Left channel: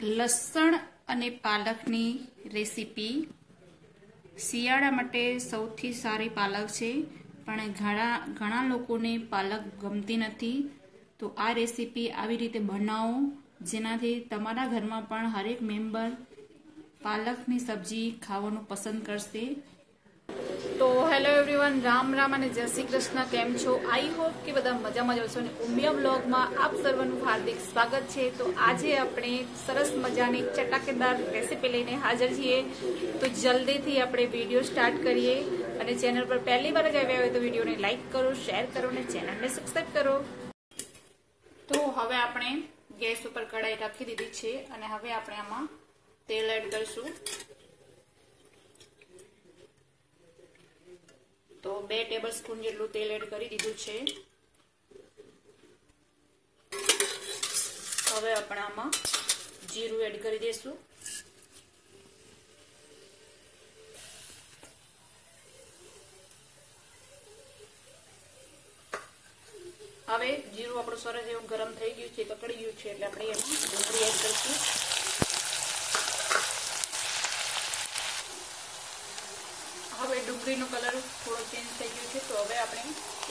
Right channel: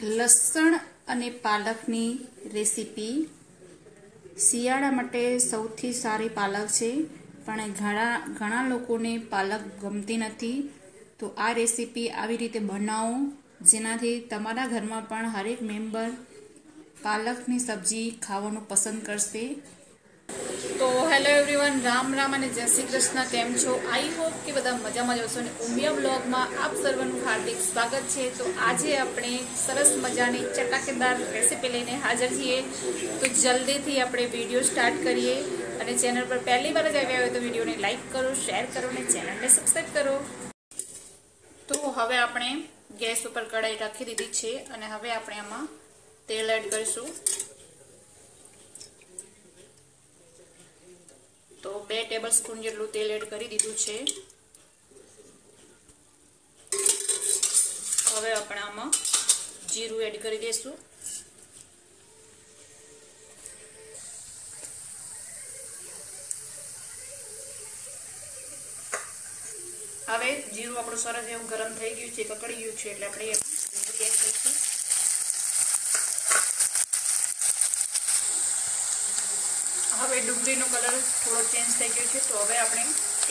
લસણ અને પાલકની રેસીપી શિયાળા માટે સૌથી સારી પાલક છે, પણ ઘણા લોકોને પાલક ગમતી નથી. તો આ રેસીપી આવી રીતે બનાવો જેનાથી તમારા ઘરમાં પણ હરેક મેમ્બર પાલકની સબ્જી ખાવાનું પસંદ કરશે. તો હેલો એવરીવન, રામ રામ અને જય શ્રી કૃષ્ણ. કેમ છો? આઈ હોપ કે બધા મજામાં જ હશો અને ઉમિયા બ્લોગમાં આપ સર્વનું હાર્દિક સ્વાગત છે. તો આજે આપણે સરસ મજાની ચટાકેદાર રેસીપી લઈને હાજર છીએ. તો જલ્દીથી આપણે વિડીયો સ્ટાર્ટ કરીએ અને ચેનલ પર પહેલી વાર જ આવ્યા હોય તો વિડીયોને લાઇક કરો, શેર કરો અને ચેનલને સબસ્ક્રાઈબ કરો. તો હવે આપણે ગેસ ઉપર કઢાઈ રાખી દીધી છે અને હવે આપણે આમાં તેલ એડ કરીશું. તો 2 ટેબલ સ્પૂન જેટલું તેલ એડ કરી દીધું છે. હવે આપણે આમાં જીરું એડ કરી દઈશું. હવે જીરું આપણું સરસ એવું ગરમ થઈ ગયું છે, કકડી ગયું છે, એટલે આપણે એમાં ડુંગળી એડ કરીશું. હવે ડુંગળીનો કલર થોડો ચેન્જ થઈ ગયો છે, તો હવે આપણે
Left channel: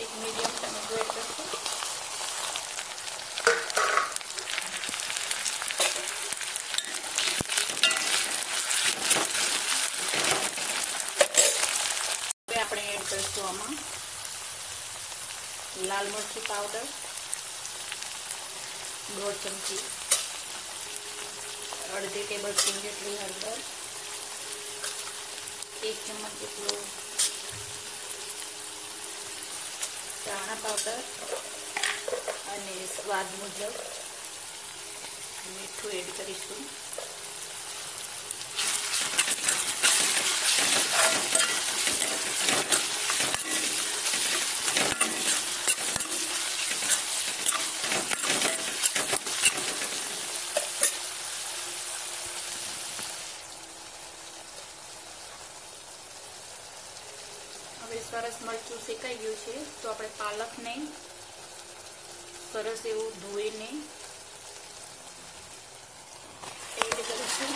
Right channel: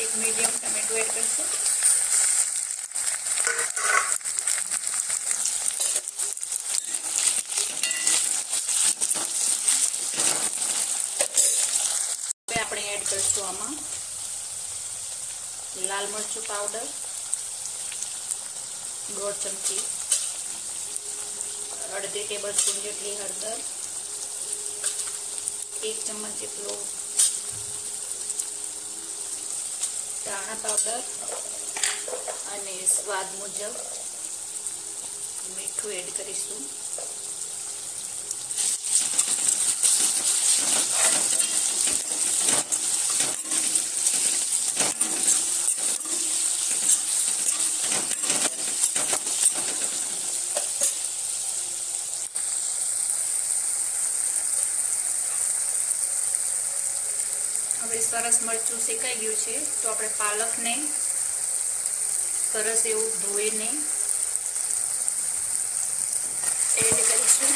એક મીડિયમ ટમેટો એડ કરીશું. હવે આપણે એડ કરીશું આમાં લાલ મરચું પાવડર 1/2 ચમચી, અડધી ટેબલ સ્પૂન જેટલી હળદર, 1 ચમચ જેટલો ધાણા પાવડર અને સ્વાદ મુજબ મીઠું એડ કરીશું. હવે સરસ મરચું શેકાઈ ગયું છે, તો આપણે પાલકને સરસ એવું ધોઈને એડ કરીશું.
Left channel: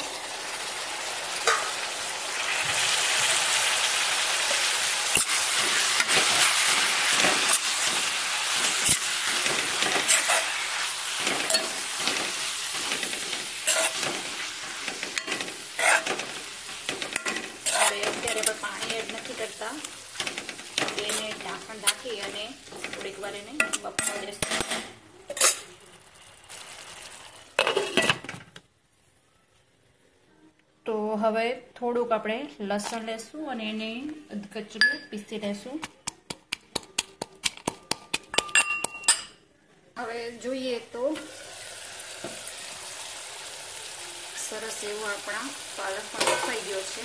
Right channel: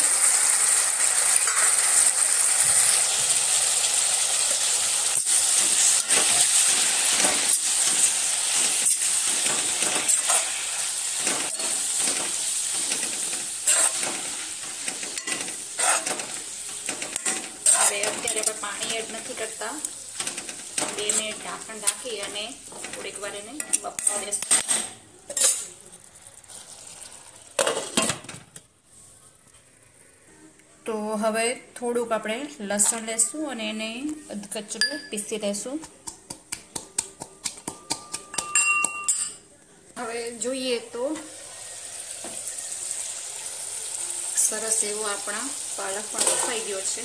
હવે અત્યારે આપણે પાણી એડ નથી કરતા, એને ઢાંકણ ઢાંકી અને થોડીક વાર એને બફવા દેશું. તો હવે થોડુંક આપણે લસણ લેશું અને એને અધકચરું પીસી લેશું. હવે જોઈએ તો સરસ એવો આપણા પાલક પણ બફાઈ ગયો છે.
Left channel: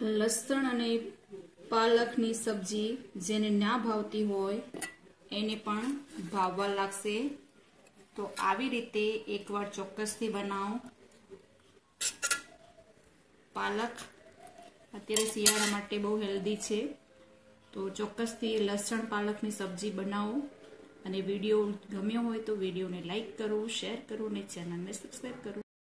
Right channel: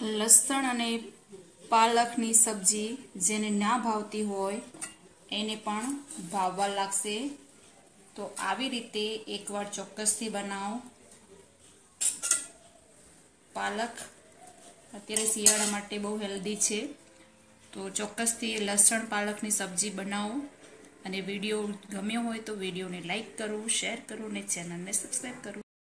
લસણ અને પાલકની સબ્જી જેને ના ભાવતી હોય એને પણ ભાવવા લાગશે. તો આવી રીતે એકવાર ચોક્કસથી બનાવો. પાલક અત્યારે શિયાળા માટે બહુ હેલ્ધી છે. તો ચોક્કસથી લસણ પાલકની સબ્જી બનાવો. અને વિડીયો ગમ્યો હોય તો વિડીયોને લાઈક કરો, શેર કરો અને ચેનલને સબસ્ક્રાઈબ કરો.